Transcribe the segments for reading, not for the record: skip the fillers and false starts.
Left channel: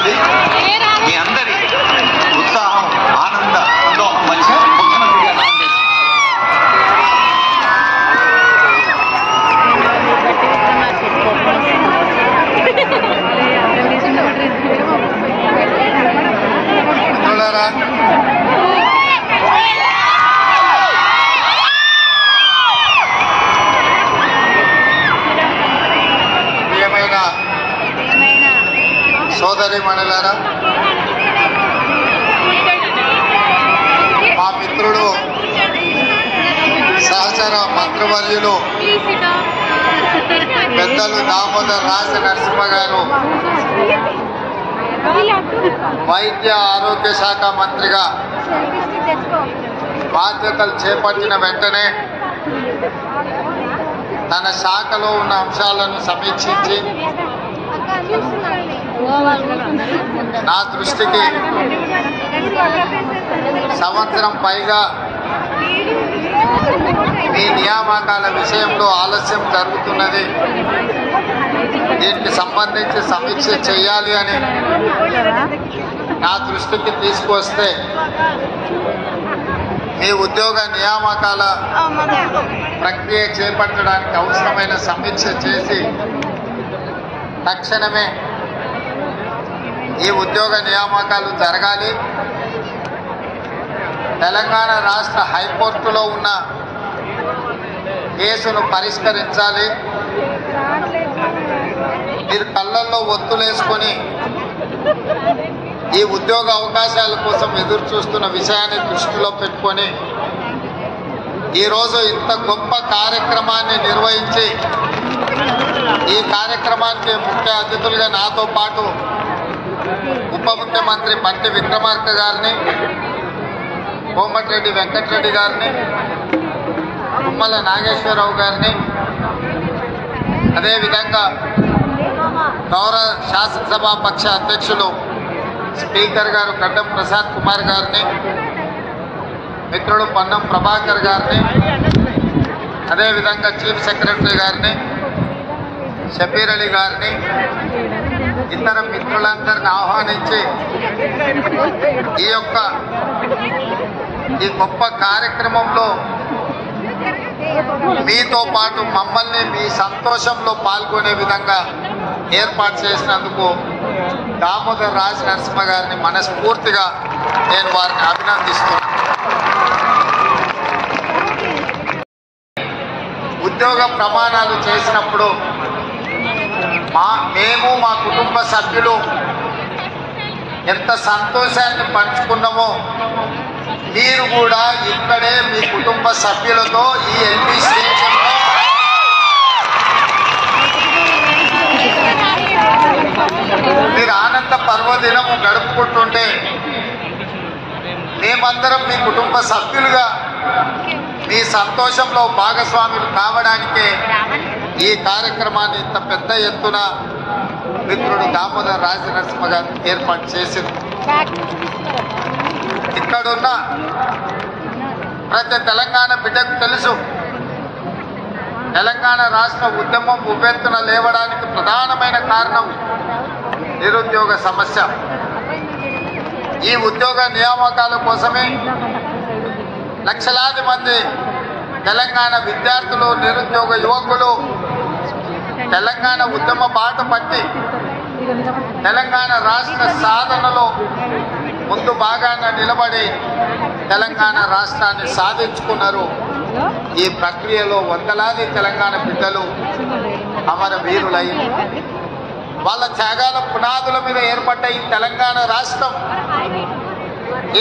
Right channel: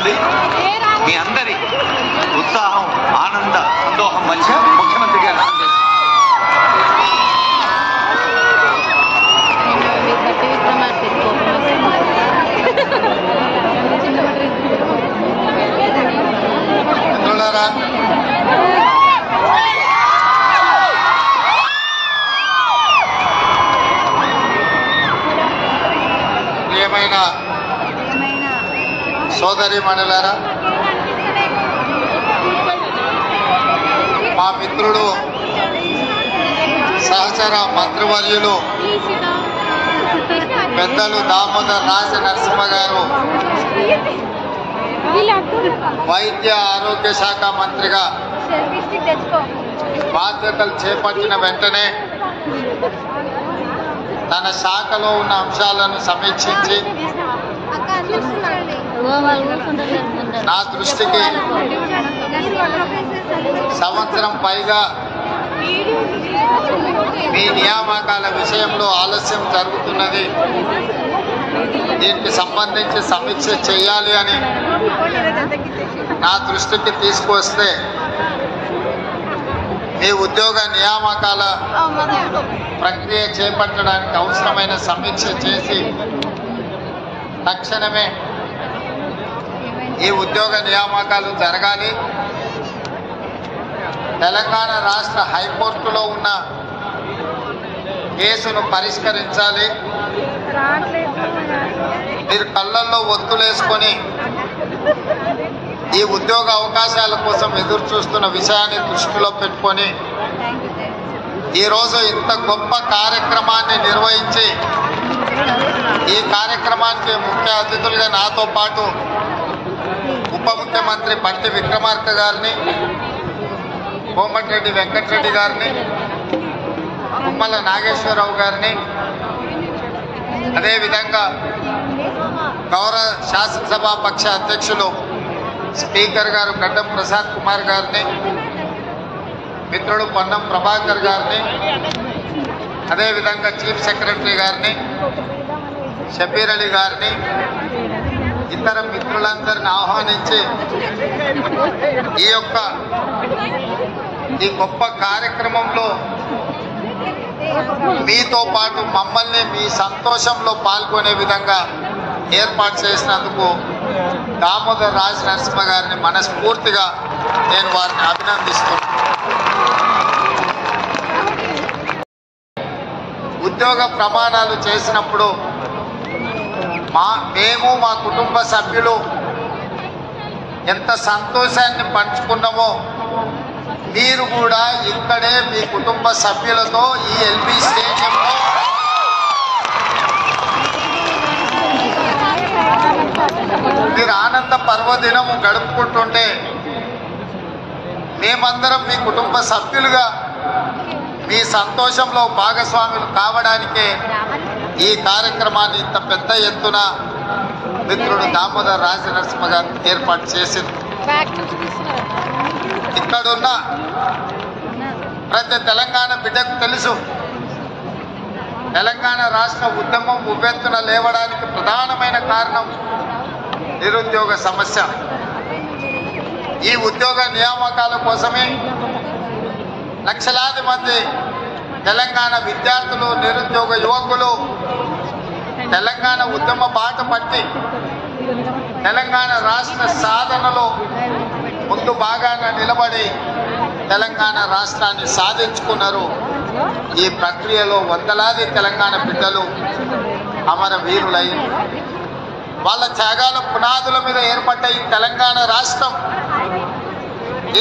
ఉంటుంది. మీ అందరి ఉత్సాహం, ఆనంద, సంతోషం మధ్య ముఖ్యమంత్రి గారు మిత్రులారా, ప్రియమైన సోదరి మణులారా, మా మిత్రుడు సహచర మంత్రివర్యులు పెద్దలు దామోదర్ రాజ నరసింహ గారు వైద్య ఆరోగ్య శాఖ మంత్రిగా బాధ్యతలు చేపట్టిన వెంటనే తన శాఖలో ఉన్న అంశాలను సమీక్షించి నా దృష్టికి సంవత్సరం పైగా మీ నియామకాల విషయంలో ఆలస్యం జరుగుతున్నది, దీనికి సంబంధించి సమీక్ష చేయాలి అని నా దృష్టికి తీసుకొస్తే మీ ఉద్యోగ నియామకాల ప్రక్రియ చేపట్టడానికి అవసరమైన సమీక్ష చేసి తక్షణమే ఈ ఉద్యోగ నియామకాలు జరగాలి. తెలంగాణ రాష్ట్ర హైకోర్టులో ఉన్న కేసును పరిష్కరించాలి. మీరు కళ్ళల్లో ఒత్తులేసుకొని ఈ ఉద్యోగ అవకాశాల కోసం ఎదురు చూస్తున్న విషయాన్ని దృష్టిలో పెట్టుకొని ఈరోజు ఇంత గొప్ప కార్యక్రమాన్ని నిర్వహించి ఈ కార్యక్రమానికి ముఖ్య అతిథులుగా నాతో పాటు ఉప ముఖ్యమంత్రి బండి విక్రమార్క గారిని, కోమటిరెడ్డి వెంకటరెడ్డి గారిని, తుమ్మల నాగేశ్వరరావు గారిని, అదేవిధంగా గౌరవ శాసనసభ పక్ష అధ్యక్షులు స్పీకర్ గారు గడ్డం ప్రసాద్ కుమార్ గారిని, మిత్రుడు పొన్నం ప్రభాకర్ గారిని, అదేవిధంగా చీఫ్ సెక్రటరీ గారిని, షబీర్ అలీ గారిని, ఇతర మిత్రులందరిని ఆహ్వానించి ఈ గొప్ప కార్యక్రమంలో మీతో పాటు మమ్మల్ని మీ సంతోషంలో పాల్గొనే విధంగా ఏర్పాటు చేసినందుకు దామోదర్ రాజ్ నరసింహ గారిని మనస్ఫూర్తిగా నేను వారిని అభినందిస్తున్నాను. ఉద్యోగ ప్రమాణాలు చేసినప్పుడు మేము మా కుటుంబ సభ్యులు ఎంత సంతోషాన్ని పంచుకున్నామో మీరు కూడా ఇక్కడే మీ కుటుంబ సభ్యులతో ఈ ఎల్బీ స్టేషన్లో మీరు ఆనంద పర్వదినం గడుపుకుంటుంటే మేమందరం మీ కుటుంబ సభ్యులుగా మీ సంతోషంలో భాగస్వాములు కావడానికే ఈ కార్యక్రమాన్ని ఇంత పెద్ద ఎత్తున మిత్రుడు దామోదర్ రాజ నరసింహ గారు ఏర్పాటు చేసింది. ఇక్కడున్న ప్రతి తెలంగాణ బిడ్డకు తెలుసు, తెలంగాణ రాష్ట్ర ఉద్యమం ఉవ్వెత్తున లేవడానికి ప్రధానమైన కారణం నిరుద్యోగ సమస్య. ఈ ఉద్యోగ నియామకాల కోసమే లక్షలాది మంది తెలంగాణ విద్యార్థులు, నిరుద్యోగ యువకులు తెలంగాణ ఉద్యమ బాట పట్టి తెలంగాణ రాష్ట్ర సాధనలో ముందు భాగాన నిలబడి తెలంగాణ రాష్ట్రాన్ని సాధించుకున్నారు. ఈ ప్రక్రియలో వందలాది తెలంగాణ బిడ్డలు అమరవీరులై వాళ్ళ త్యాగాల పునాదుల మీద ఏర్పడ్డ ఈ తెలంగాణ రాష్ట్రం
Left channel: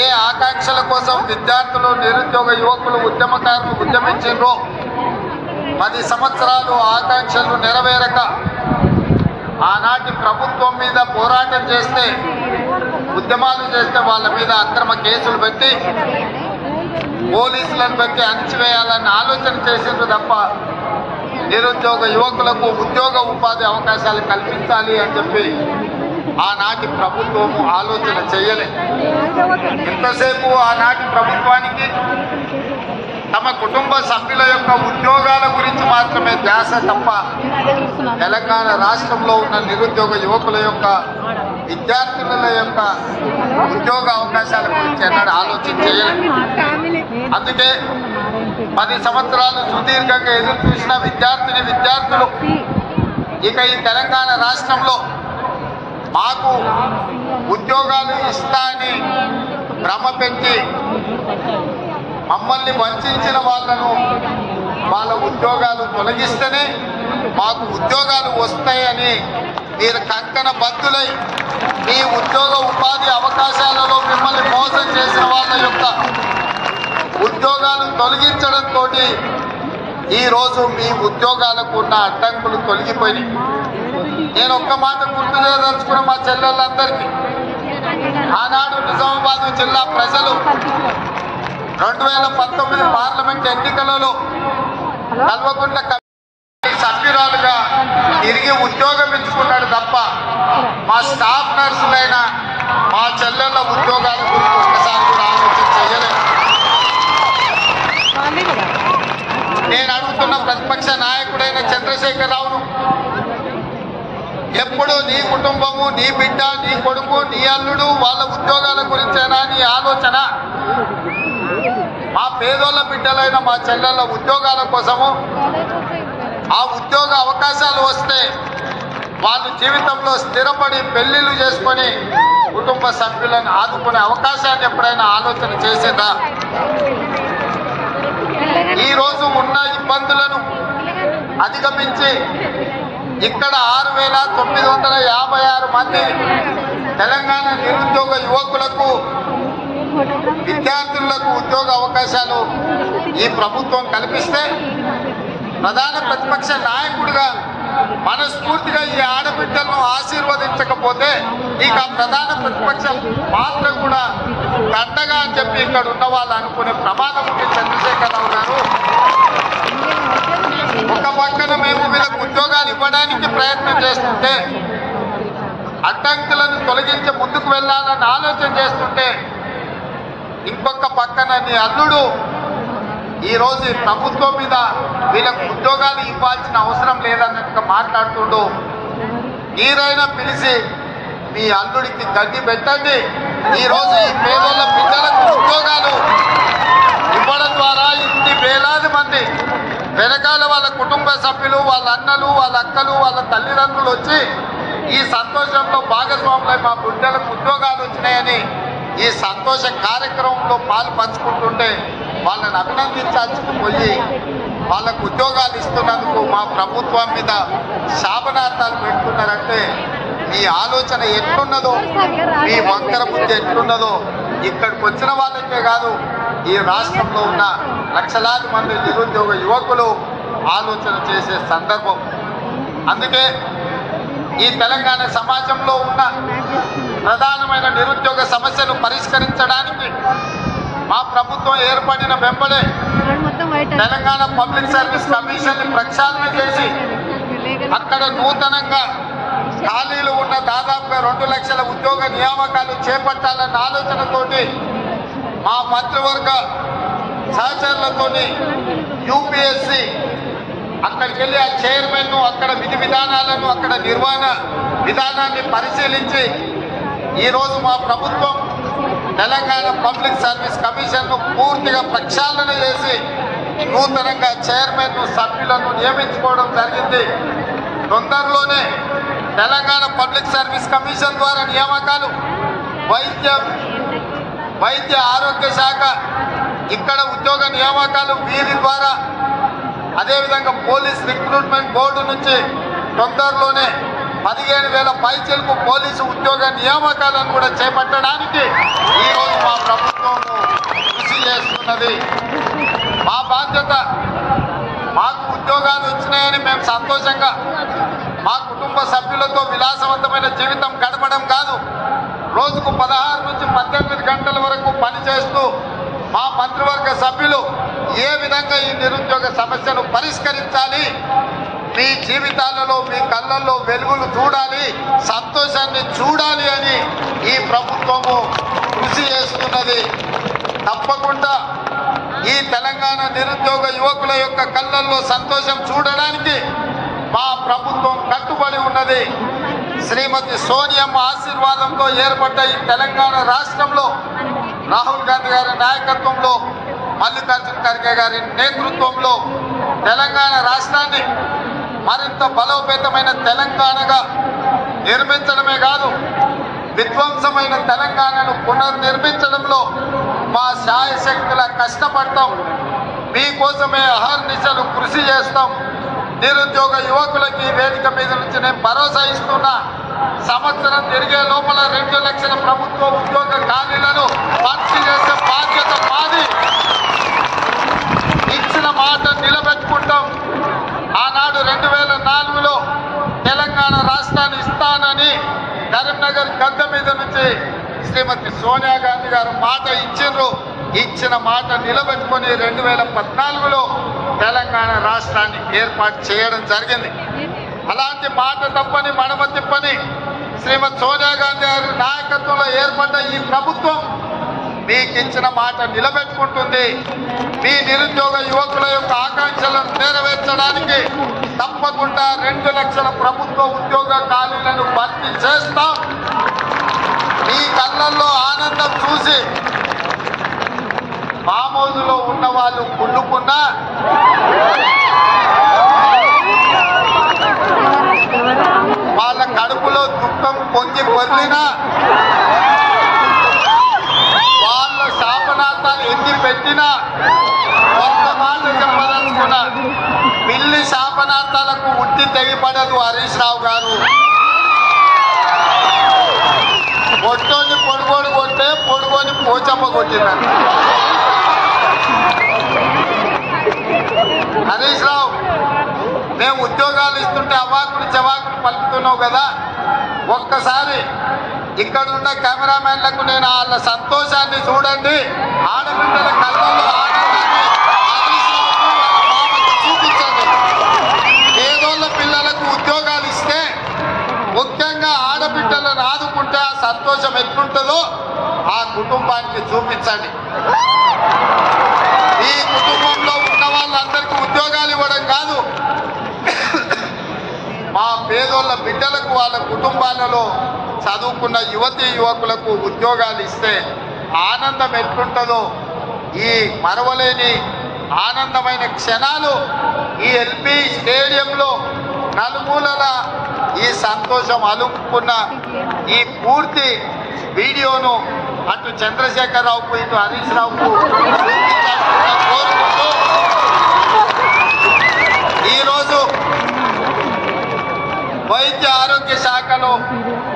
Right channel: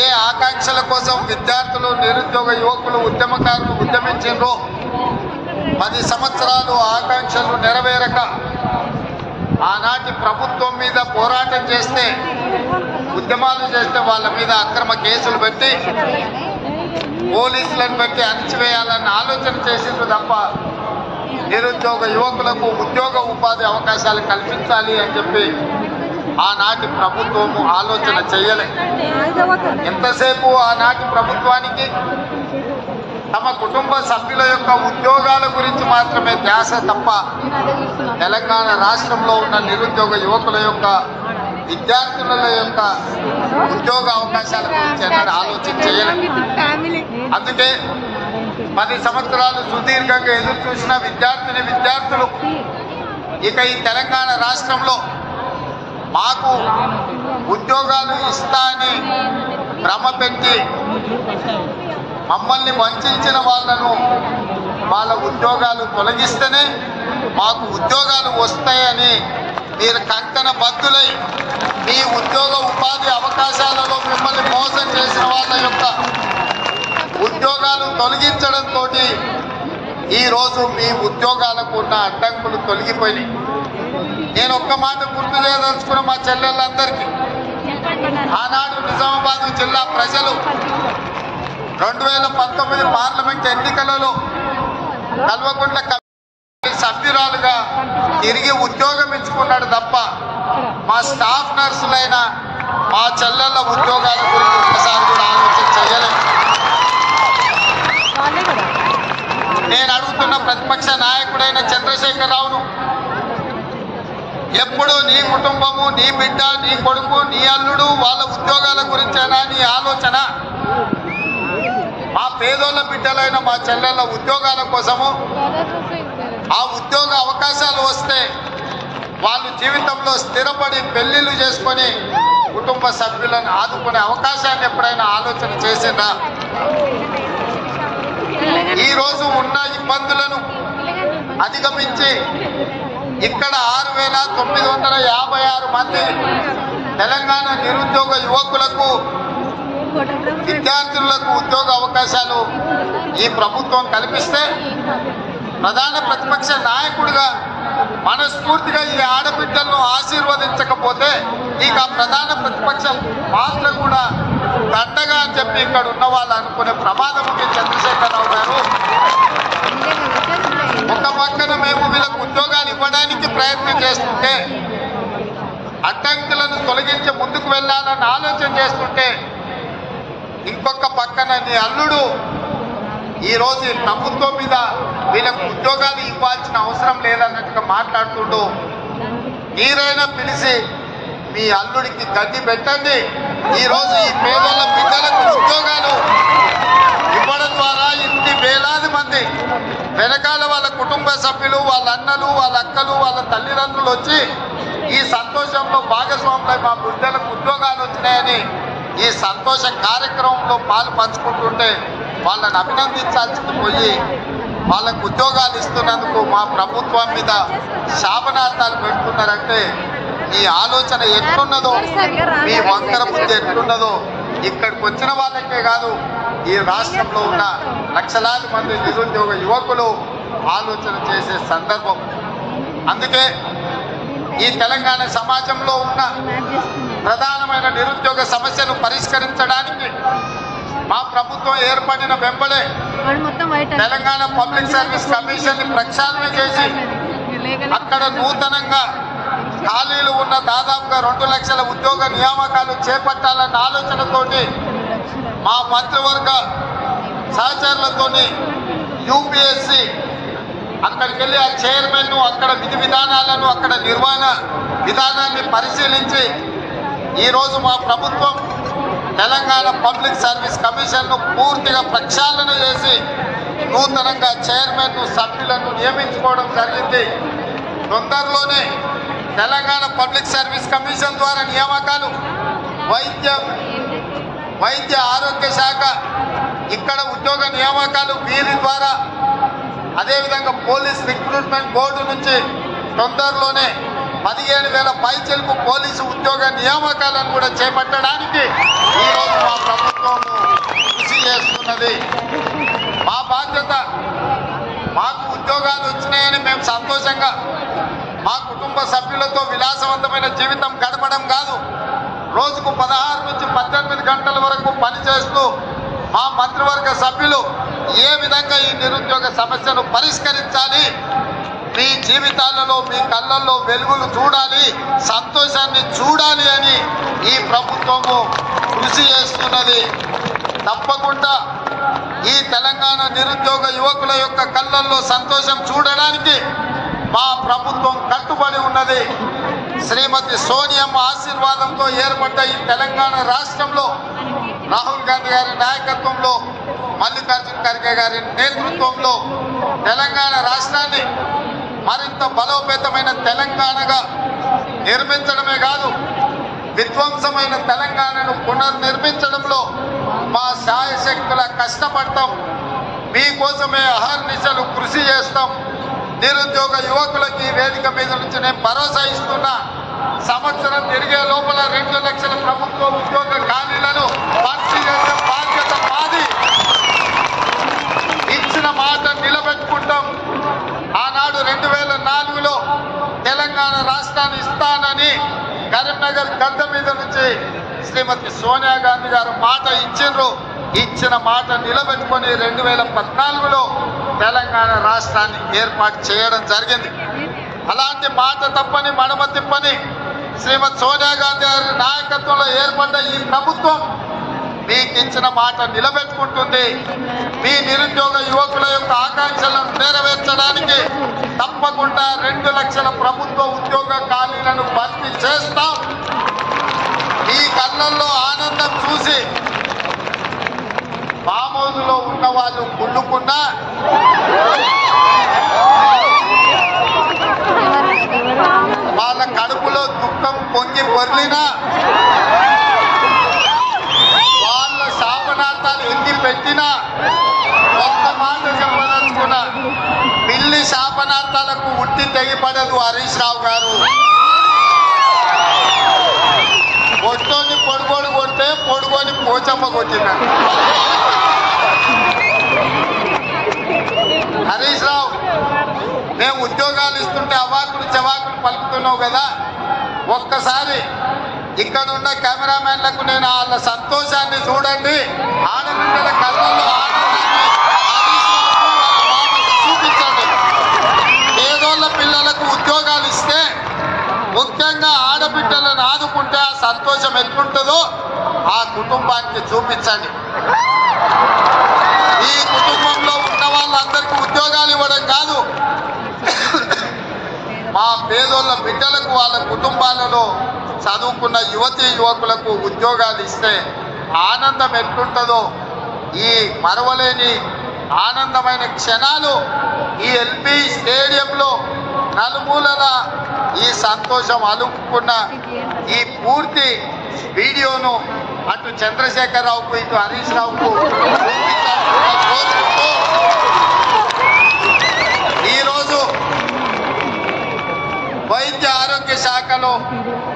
ఏ ఆకాంక్షల కోసం విద్యార్థులు, నిరుద్యోగ యువకులు, ఉద్యమకారులు ఉద్యమించారో 10 సంవత్సరాలు ఆకాంక్షలు నెరవేరక ఆనాటి ప్రభుత్వం మీద పోరాటం చేస్తే, ఉద్యమాలు చేస్తే వాళ్ళ మీద అక్రమ కేసులు పెట్టి పోలీసులను పెట్టి అణచివేయాలన్న ఆలోచన చేసిండ్రు తప్ప నిరుద్యోగ యువకులకు ఉద్యోగ ఉపాధి అవకాశాలు కల్పించాలి అని చెప్పి ఆనాటి ప్రభుత్వము ఆలోచన చేయలే. ఎంతసేపు ఆనాటి ప్రభుత్వానికి తమ కుటుంబ సభ్యుల యొక్క ఉద్యోగాల గురించి మాత్రమే ధ్యాస తప్ప తెలంగాణ రాష్ట్రంలో ఉన్న నిరుద్యోగ యువకుల యొక్క విద్యార్థుల యొక్క ఉద్యోగ అవకాశాల గురించి అన్నాడు ఆలోచన చేయలేదు. అందుకే 10 సంవత్సరాలు సుదీర్ఘంగా ఎదురు చూసిన విద్యార్థులు ఇక ఈ తెలంగాణ రాష్ట్రంలో మాకు ఉద్యోగాలు ఇస్తా అని భ్రమ పెంచి మమ్మల్ని వంచిన వాళ్ళ ఉద్యోగాలు తొలగిస్తేనే మాకు ఉద్యోగాలు వస్తాయని మీరు కంకణ బద్దులై మీ ఉద్యోగ ఉపాధి అవకాశాలలో మిమ్మల్ని మోసం చేసిన వాళ్ళ యొక్క ఉద్యోగాలు తొలగించడంతో ఈరోజు మీ ఉద్యోగాలకు ఉన్న అడ్డంకులు తొలగిపోయినాయి. నేను ఒక్క మాట గుర్తు చేయదలుచుకున్న మా చెల్లెళ్ళందరికీ, ఆనాడు నిజామాబాద్ జిల్లా ప్రజలు 2019 పార్లమెంట్ ఎన్నికలలో కల్వకుంట్ల సభ్యురాలుగా తిరిగి ఉద్యోగం ఇచ్చుకున్నాడు తప్ప మా స్టాఫ్ నర్సులైన మా చెల్లెళ్ళ ఉద్యోగాల గురించి ఒక్కసారి కూడా ఆలోచన చేయలేదు. నేను అడుగుతున్న ప్రతిపక్ష నాయకుడైన చంద్రశేఖరరావును, ఎప్పుడు నీ కుటుంబము, నీ బిడ్డ, నీ కొడుకు, నీ అల్లుడు వాళ్ళ ఉద్యోగాల గురించేనా నీ ఆలోచన? మా పేదోళ్ళ బిడ్డలైన మా చెల్లెళ్ళ ఉద్యోగాల కోసము, ఆ ఉద్యోగ అవకాశాలు వస్తే వాళ్ళు జీవితంలో స్థిరపడి పెళ్లిళ్ళు చేసుకొని కుటుంబ సభ్యులను ఆదుకునే అవకాశాన్ని ఎప్పుడైనా ఆలోచన చేసిందా? ఈరోజు ఉన్న ఇబ్బందులను అధిగమించి ఇక్కడ 6,956 మంది తెలంగాణ నిరుద్యోగ యువకులకు, విద్యార్థులకు ఉద్యోగ అవకాశాలు ఈ ప్రభుత్వం కల్పిస్తే, ప్రధాన ప్రతిపక్ష నాయకుడిగా మనస్ఫూర్తిగా ఈ ఆడబిడ్డలను ఆశీర్వదించకపోతే ఇక ప్రధాన ప్రతిపక్షం పాత్ర కూడా దండగా అని చెప్పి ఇక్కడ ఉన్న వాళ్ళు అనుకునే ప్రమాదం ఉంది. చంద్రశేఖరరావు గారు, ఒక పక్కన మేము వీళ్ళకు ఉద్యోగాలు ఇవ్వడానికి ప్రయత్నం చేస్తుంటే, అడ్డంకులను తొలగించి ముందుకు వెళ్ళాలని ఆలోచన చేస్తుంటే, ఇంకొక పక్కన నీ అల్లుడు ఈరోజు ప్రభుత్వం మీద వీళ్ళకు ఉద్యోగాలు ఇవ్వాల్సిన అవసరం లేదన్నట్టుగా మాట్లాడుతుండు. మీరైనా పిలిచి మీ అల్లుడికి గడ్డి పెట్టండి. ఈరోజు ఈ పేదోళ్ళ బిడ్డలకు ఉద్యోగాలు ఇవ్వడం ద్వారా ఇన్ని వేలాది మంది వెనకాల వాళ్ళ కుటుంబ సభ్యులు, వాళ్ళ అన్నలు, వాళ్ళ అక్కలు, వాళ్ళ తల్లిదండ్రులు వచ్చి ఈ సంతోషంలో భాగస్వాములై మా బిడ్డలకు ఉద్యోగాలు వచ్చినాయని ఈ సంతోష కార్యక్రమంలో పాలు పంచుకుంటుంటే వాళ్ళని అభినందించాల్సింది పోయి వాళ్ళకు ఉద్యోగాలు ఇస్తున్నందుకు మా ప్రభుత్వం మీద శాపనార్థాలు పెడుతున్నారంటే మీ ఆలోచన ఎట్లున్నదో, మీ వంకర బుద్ధి ఎట్లున్నదో ఇక్కడికి వచ్చిన వాళ్ళకే కాదు, ఈ రాష్ట్రంలో ఉన్న లక్షలాది మంది నిరుద్యోగ యువకులు ఆలోచన చేసే సందర్భం. అందుకే ఈ తెలంగాణ సమాజంలో ఉన్న ప్రధానమైన నిరుద్యోగ సమస్యను పరిష్కరించడానికి మా ప్రభుత్వం ఏర్పడిన వెంబడే తెలంగాణ పబ్లిక్ సర్వీస్ కమిషన్ ని ప్రక్షాళన చేసి అక్కడ నూతనంగా ఖాళీలు ఉన్న దాదాపుగా 2 లక్షల ఉద్యోగ నియామకాలు చేపట్టాలన్న ఆలోచనతోటి మా మంత్రివర్గ సహచరులతోని యూపీఎస్సీ అక్కడికి వెళ్ళి ఆ చైర్మన్ అక్కడ విధి విధానాలను, అక్కడ నిర్వహణ విధానాన్ని పరిశీలించి ఈరోజు మా ప్రభుత్వం తెలంగాణ పబ్లిక్ సర్వీస్ కమిషన్ను పూర్తిగా ప్రక్షాళన చేసి నూతనంగా చైర్మన్, సభ్యులను నియమించుకోవడం జరిగింది. తొందరలోనే తెలంగాణ పబ్లిక్ సర్వీస్ కమిషన్ ద్వారా నియామకాలు, వైద్య ఆరోగ్య శాఖ ఇక్కడ ఉద్యోగ నియామకాలు వీరి ద్వారా, అదేవిధంగా పోలీస్ రిక్రూట్మెంట్ బోర్డు నుంచి తొందరలోనే 17,000 పైచిలకు పోలీసు ఉద్యోగ నియామకాలను కూడా చేపట్టడానికి ఈరోజు మా ప్రభుత్వం కృషి చేస్తున్నది. మా బాధ్యత, మాకు ఉద్యోగాలు వచ్చినాయని మేము సంతోషంగా మా కుటుంబ సభ్యులతో విలాసవంతమైన జీవితం గడపడం కాదు, రోజుకు 16 నుంచి 18 గంటల వరకు పనిచేస్తూ మా మంత్రివర్గ సభ్యులు ఏ విధంగా ఈ నిరుద్యోగ సమస్యను పరిష్కరించాలి, మీ జీవితాలలో, మీ కళ్ళల్లో వెలుగులు చూడాలి, సంతోషాన్ని చూడాలి అని ఈ ప్రభుత్వము కృషి చేస్తున్నది. తప్పకుండా ఈ తెలంగాణ నిరుద్యోగ యువకుల యొక్క కళ్ళల్లో సంతోషం చూడడానికి మా ప్రభుత్వం కట్టుబడి ఉన్నది. శ్రీమతి సోనియమ్మ ఆశీర్వాదంతో ఏర్పడ్డ ఈ తెలంగాణ రాష్ట్రంలో రాహుల్ గాంధీ గారి నాయకత్వంలో, మల్లికార్జున ఖర్గే గారి నేతృత్వంలో తెలంగాణ రాష్ట్రాన్ని మరింత బలోపేతమైన తెలంగాణగా నిర్మించడమే కాదు, విధ్వంసమైన తెలంగాణను పునర్నిర్మించడంలో మా శాయశక్తుల కష్టపడతాం. మీకోసమే అహర్నిశలు కృషి చేస్తాం. నిరుద్యోగ యువకులకి వేదిక మీద నుంచి నేను భరోసా ఇస్తున్నా. సంవత్సరం తిరిగే లోపల 2 లక్షల ప్రభుత్వ ఉద్యోగ ఖాళీలను భర్తీ చేసే బాధ్యత మాది. ఇచ్చిన మాట నిలబెట్టుకుంటాం. ఆనాడు 2004లో తెలంగాణ రాష్ట్రాన్ని ఇస్తానని కరీంనగర్ గడ్డ మీద నుంచి శ్రీమతి సోనియా గాంధీ గారు మాట ఇచ్చిండ్రు. ఇచ్చిన మాట నిలబెట్టుకొని 2014లో తెలంగాణ రాష్ట్రాన్ని ఏర్పాటు చేయడం జరిగింది. అలాంటి మాట తప్పని మడమ తిప్పని శ్రీమతి సోనియా గాంధీ గారి నాయకత్వంలో ఏర్పడ్డ ఈ ప్రభుత్వం మీకు ఇచ్చిన మాట నిలబెట్టుకుంటుంది. మీ నిరుద్యోగ యువకుల యొక్క ఆకాంక్షలను నెరవేర్చడానికి తప్పకుండా 2 లక్షల ప్రభుత్వ ఉద్యోగ ఖాళీలను భర్తీ చేస్తాం. మీ కళ్ళల్లో ఆనందం చూసి మామూలులో ఉన్న వాళ్ళు కుళ్ళుకున్నా, వాళ్ళ కడుపులో దుఃఖం పొంగి పొర్లినా, వాళ్ళ శాపనార్థాలు ఎన్ని పెట్టినా ఒక్క మాట చెప్పదలుచుకున్నా, పిల్లి శాపనార్థాలకు ఉట్టి తెగిపడదు హరీష్ రావు గారు. పొట్టోని పొడుగోడు కొట్టే పొడుగోని పోచమ్మ కొట్టినాడు. హరీష్ రావు, మేము ఉద్యోగాలు ఇస్తుంటే అవాకులు చవాకులు పలుకుతున్నావు కదా, ఒక్కసారి ఇక్కడున్న కెమెరామెన్లకు నేను వాళ్ళ సంతోషాన్ని చూడండి. ఆడబిడ్డల కళ్ళల్లో ఆనందాన్ని హరీష్ రావుకు వాళ్ళ మామకు చూపించండి. పేదోళ్ళ పిల్లలకు ఉద్యోగాలు ఇస్తే, ముఖ్యంగా ఆడబిడ్డలను ఆదుకుంటే ఆ సంతోషం ఎట్లుంటుందో ఆ కుటుంబానికి చూపించండి. ఈ కుటుంబంలో ఉన్న వాళ్ళందరికీ ఉద్యోగాలు ఇవ్వడం కాదు, మా పేదోళ్ళ బిడ్డలకు వాళ్ళ కుటుంబాలలో చదువుకున్న యువతీ యువకులకు ఉద్యోగాలు ఇస్తే ఆనందం ఎట్లుంటుందో, ఈ మరవలేని ఆనందమైన క్షణాలు ఈ ఎల్బీ స్టేడియంలో నలుమూలల ఈ సంతోషం అలుపుకున్న ఈ పూర్తి వీడియోను అటు చంద్రశేఖరరావుకు ఇటు హరీష్ రావుకు కోరుకుంటూ ఈరోజు వైద్య ఆరోగ్య శాఖలో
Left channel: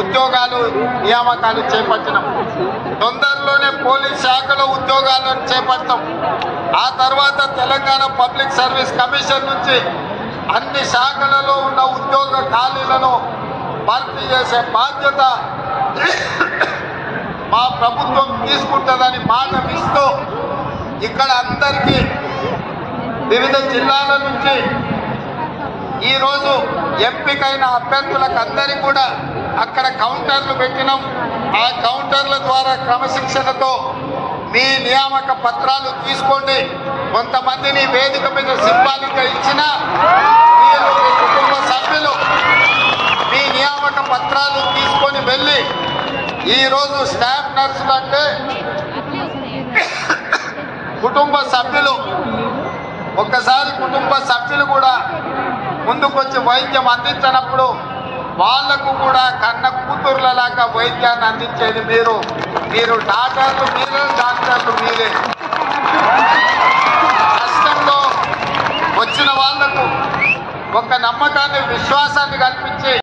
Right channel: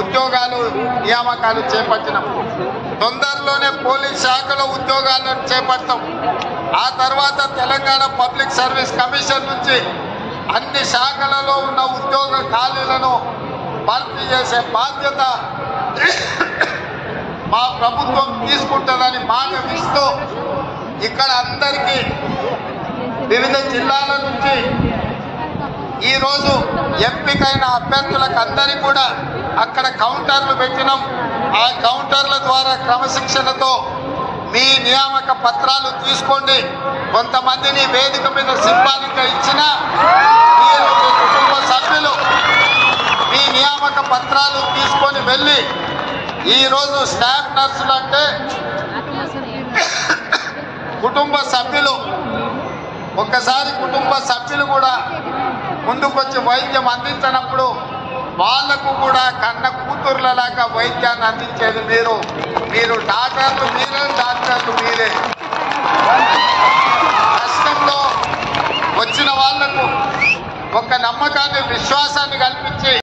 ఉద్యోగాలు నియామకాలు చేపట్టినాం. తొందరలోనే పోలీస్ శాఖలో ఉద్యోగాలను చేపడతాం. ఆ తర్వాత తెలంగాణ పబ్లిక్ సర్వీస్ కమిషన్ నుంచి అన్ని శాఖలలో ఉన్న ఉద్యోగ ఖాళీలను భర్తీ చేసే బాధ్యత మా ప్రభుత్వం తీసుకుంటుందని మాట ఇస్తూ ఇక్కడ అందరికీ వివిధ జిల్లాల నుంచి ఈరోజు ఎంపికైన అభ్యర్థులకు అందరికీ కూడా అక్కడ కౌంటర్లు పెట్టినాం. ఆ కౌంటర్ల ద్వారా క్రమశిక్షణతో మీ నియామక పత్రాలు తీసుకోండి. కొంతమందిని వేదిక మీద సింబాలిక్గా ఇచ్చిన మీరు మీ కుటుంబ సభ్యులు మీ నియామక పత్రాలు తీసుకొని వెళ్ళి, ఈరోజు స్టాఫ్ నర్సులు అంటే కుటుంబ సభ్యులు, ఒక్కసారి కుటుంబ సభ్యులు కూడా ముందుకొచ్చి వైద్యం అందించినప్పుడు వాళ్లకు కూడా కన్న కూతుర్లలాగా వైద్యాన్ని అందించేది మీరు డాక్టర్లు మీరే, డాక్టర్లు మీరే. కష్టంలో వచ్చిన వాళ్లకు ఒక నమ్మకాన్ని, విశ్వాసాన్ని కల్పించి